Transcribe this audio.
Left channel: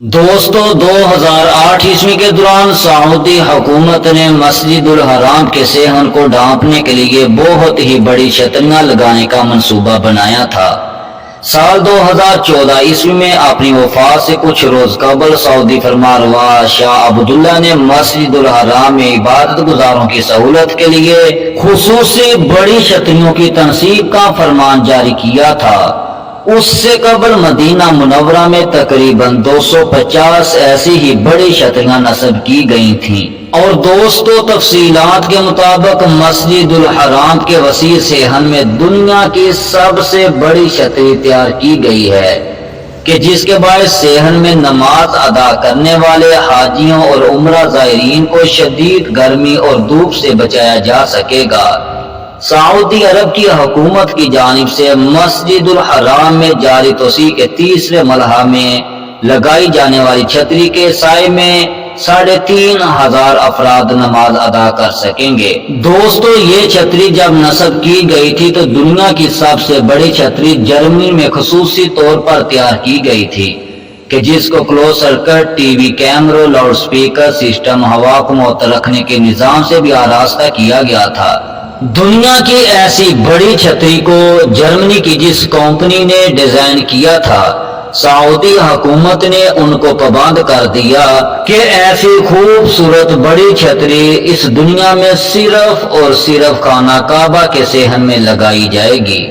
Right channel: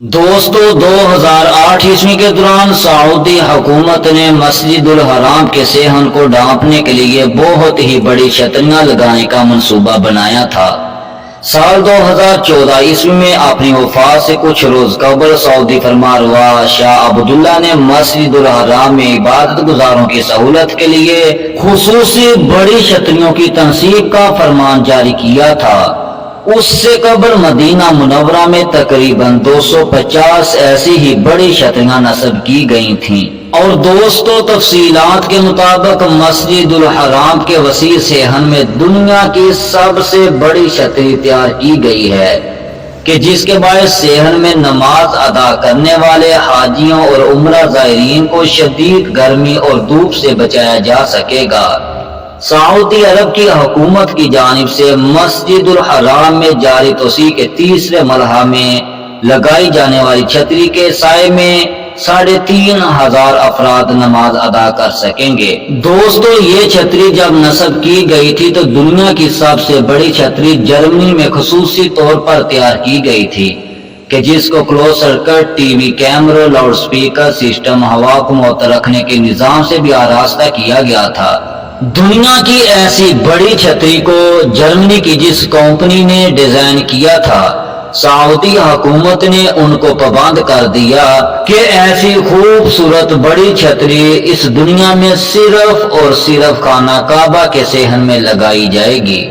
دوستو 2008 عیسوی کے دوران سعودی حکومت نے مسجد الحرام کے صحن کو ڈھانپنے کے لیے بہت ہی بڑی چھتریاں لگانے کا منصوبہ بنایا تھا۔ سال 2014 عیسوی میں اپنی وفات سے کچھ روز قبل سعودی فرمانروا شاہ عبداللہ نے مسجد الحرام میں عبادت گزاروں کی سہولت کے لیے خصوصی بڑی چھتریوں کی تنصیب کا فرمان جاری کیا تھا۔ اس سے قبل مدینہ منورہ میں تقریباً 250 ایسی ہی بڑی چھتریاں نصب کی گئی تھیں۔ اور دوستو تفصیلات کے مطابق مسجد الحرام کے وسیع صحن میں دنیا کی سب سے بڑی چھتری تیار کی گئی ہے کہ جس کے باعث صحن میں نماز ادا کرنے والے حاجیوں اور عمرہ زائرین کو شدید گرمی اور دھوپ سے بچایا جا سکے گا۔ سعودی عرب کی حکومت کی جانب سے مسجد الحرام میں جاری توسیع کے تیسرے مرحلے میں لگائی جانے والی چھتری کے سائے میں 3500 افراد نماز ادا کر سکیں گے۔ دوستو یہ چھتری جب نصب کی گئی تھی تو دنیا کی سب سے بڑی چھتری جرمنی میں خصوصی طور پر تیار کی گئی تھی کہ جس کو کلوز سرکٹ ٹی وی کیمروں، لاؤڈ سپیکر سسٹم، ہوا کو معطل رکھنے کے نظام سے بھی آراستہ کیا گیا تھا۔ دنیا کی ایسی بڑی چھتری کو جرمنی کی جس کمپنی نے ڈیزائن کیا تھا، سعودی حکومت نے ان کو پابند کر دیا کہ ایسی خوبصورت بڑی چھتری اس دنیا میں صرف اور صرف خانہ کعبہ کے صحن میں لگائی جائے گی۔